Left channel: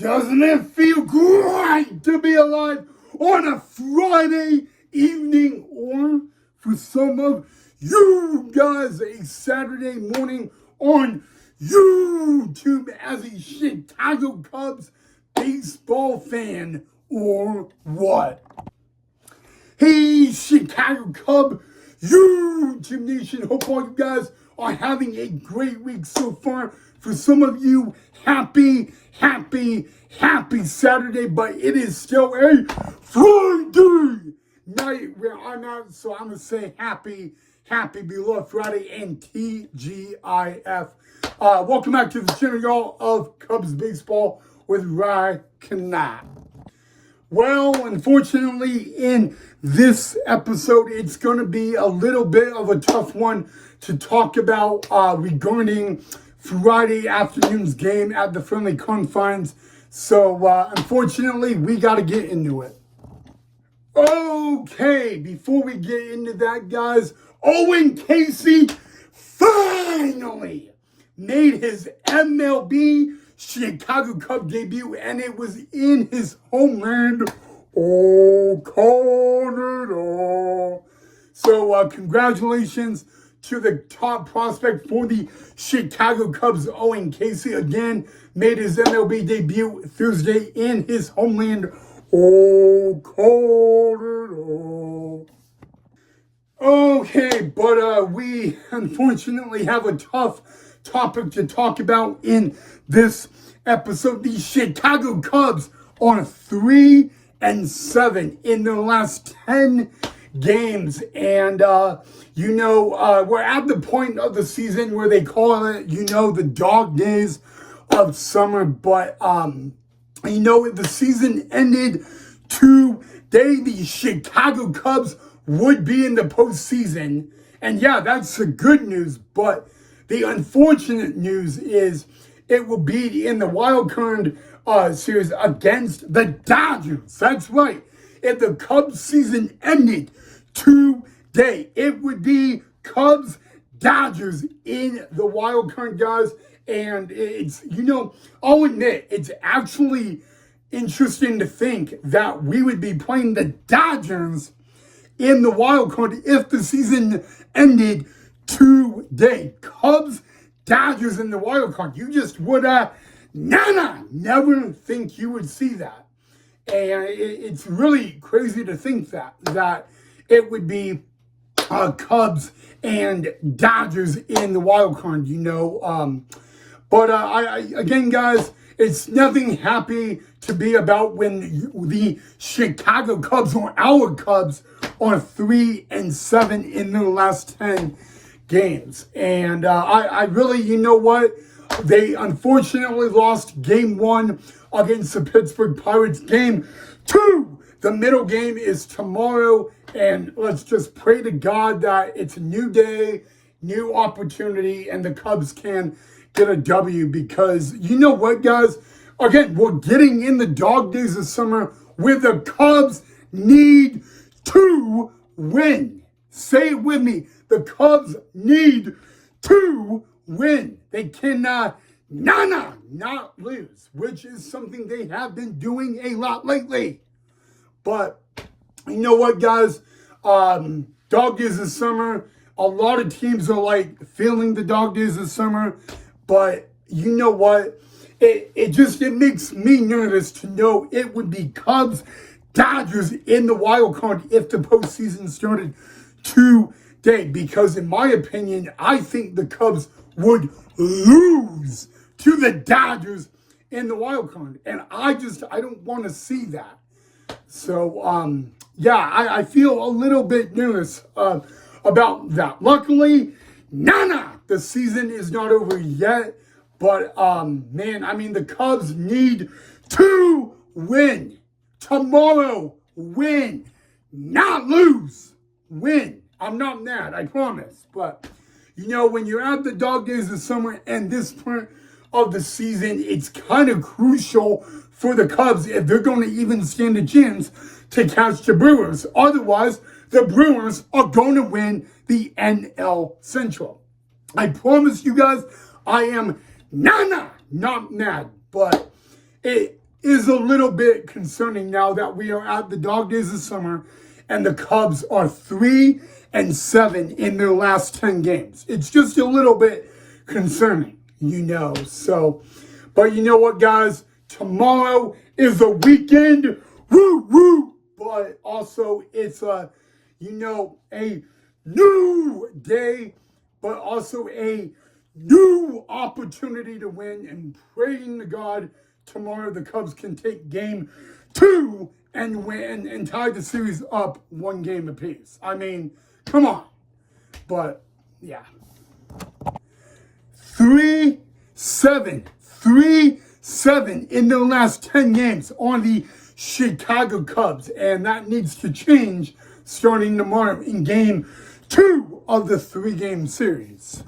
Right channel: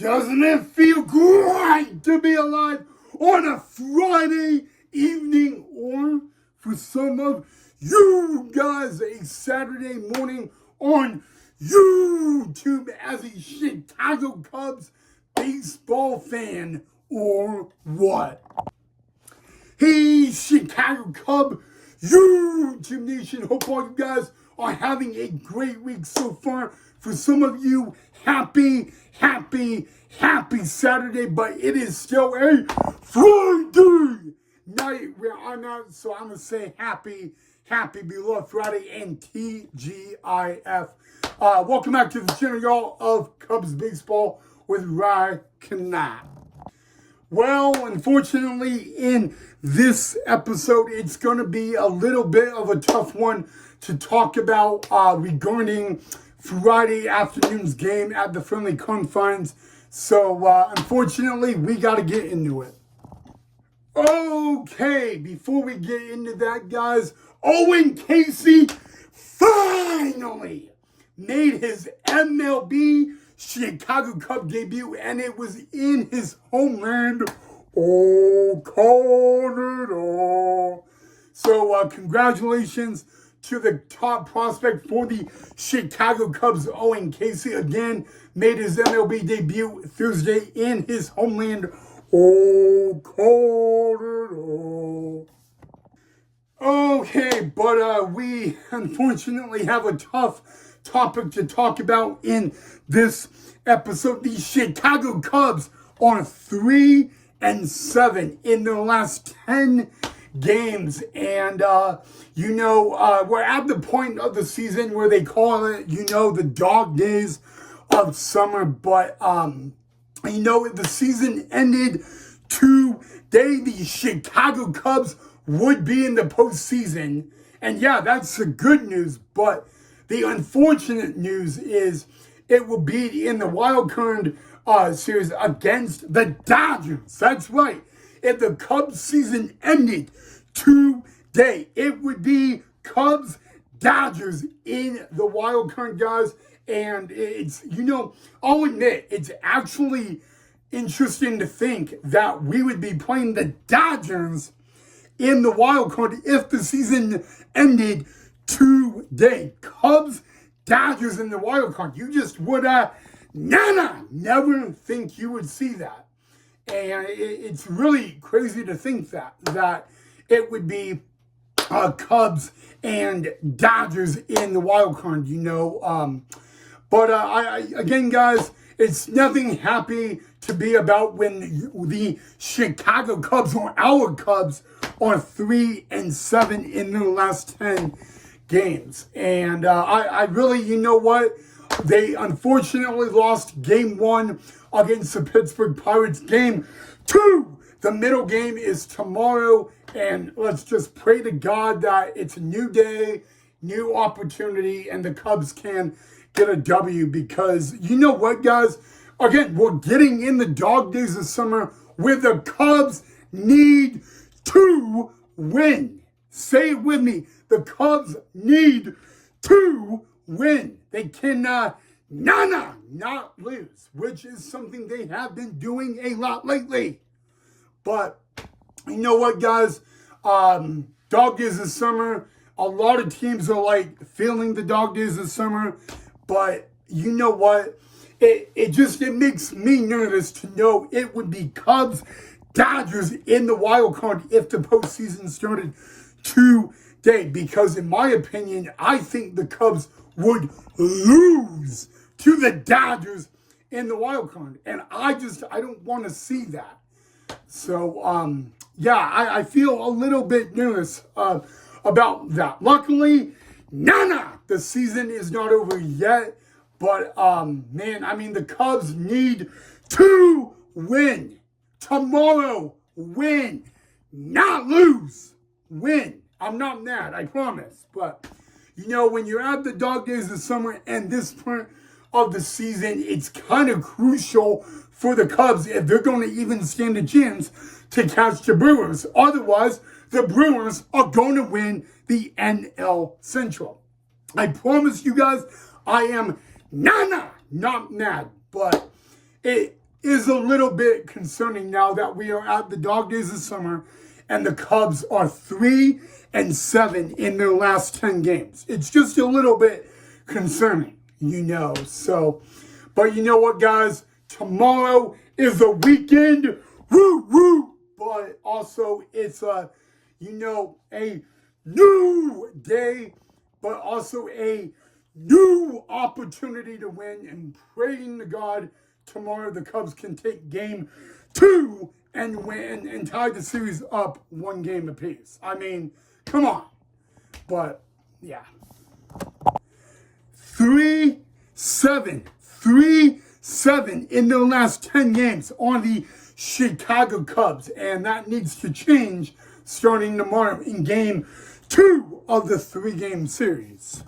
Doesn't it feel great to be alive on a Friday evening, or for some of you guys, a Saturday morning on YouTube as a Chicago Cubs baseball fan, or what? Hey, Chicago Cub YouTube Nation, hope all you guys are having a great week so far. For some of you, happy Saturday, but it is still a Friday night where I'm at, so I'm going to say happy beloved Friday and TGIF. Welcome back to the channel, y'all, of Cubs Baseball with Rye Kanat. Well, unfortunately, in this episode, it's going to be a little bit of a tough one to talk about regarding Friday afternoon's game at the Friendly Confines. So, unfortunately, we got to get into it. Okay, before we get into that, guys, Owen Casey finally made his MLB Chicago Cub debut, and it was in his homeland, Canada. So, congratulations to the top prospect for the Chicago Cubs, Owen Casey. Again, made his MLB debut Thursday in his homeland, Canada. Okay, but we unfortunately have a tough topic to talk about in this episode. The Chicago Cubs are 3-7 in their last 10 games, and we're at the point of the season where they call it, the dog days of summer. But the season ended today. The Chicago Cubs would be in the postseason, and yeah, that's the good news. But the unfortunate news is it will be in the wild card series against the Dodgers. That's right. If the Cubs season ended today, it would be Cubs Dodgers in the wild card, guys. And it's, I'll admit, it's actually interesting to think that we would be playing the Dodgers in the wild card if the season ended today. Cubs Dodgers in the wild card. You just would never think you would see that. And it's really crazy to think that it would be Cubs and Dodgers in the wild card, But again, guys, it's nothing happy to be about when the Chicago Cubs, or our Cubs, are 3-7 in their last 10 games. And I really, they unfortunately lost game 1 against the Pittsburgh Pirates. Game 2, the middle game, is tomorrow. And let's just pray to God that it's a new day, new opportunity, and the Cubs can get a W. Because you know what, guys? Again, we're getting in the dog days of summer where the Cubs need to win. Say it with me. The Cubs need to win. They cannot not lose, which is something they have been doing a lot lately. But you know what, guys? Dog days of summer. A lot of teams are feeling the dog days of summer. But you know what? It makes me nervous to know it would be Cubs Dodgers in the wild card if the postseason started today. Because in my opinion, I think the Cubs would lose to the Dodgers in the wild card. And I don't want to see that. So, I feel a little bit nervous about that. Luckily, the season is not over yet. But, the Cubs need to win. Tomorrow, win. Not lose. Win. I'm not mad, I promise. But, when you're at the dog days of summer and this part of the season, it's kind of crucial for the Cubs if they're going to even stand a chance to catch the Brewers. Otherwise, the Brewers are going to win the NL Central. I promise you guys, I am not mad, but is a little bit concerning now that we are at the dog days of summer and the Cubs are 3-7 in their last 10 games. It's just a little bit concerning, So, but you know what, guys? Tomorrow is the weekend. Woo, woo. But also it's a new day, but also a new opportunity to win, and praying to God tomorrow the Cubs can take game 2 and win and tie the series up 1 game apiece. I mean, come on. But yeah. 3-7 in the last 10 games on the Chicago Cubs, and that needs to change starting tomorrow in game 2 of the 3-game series.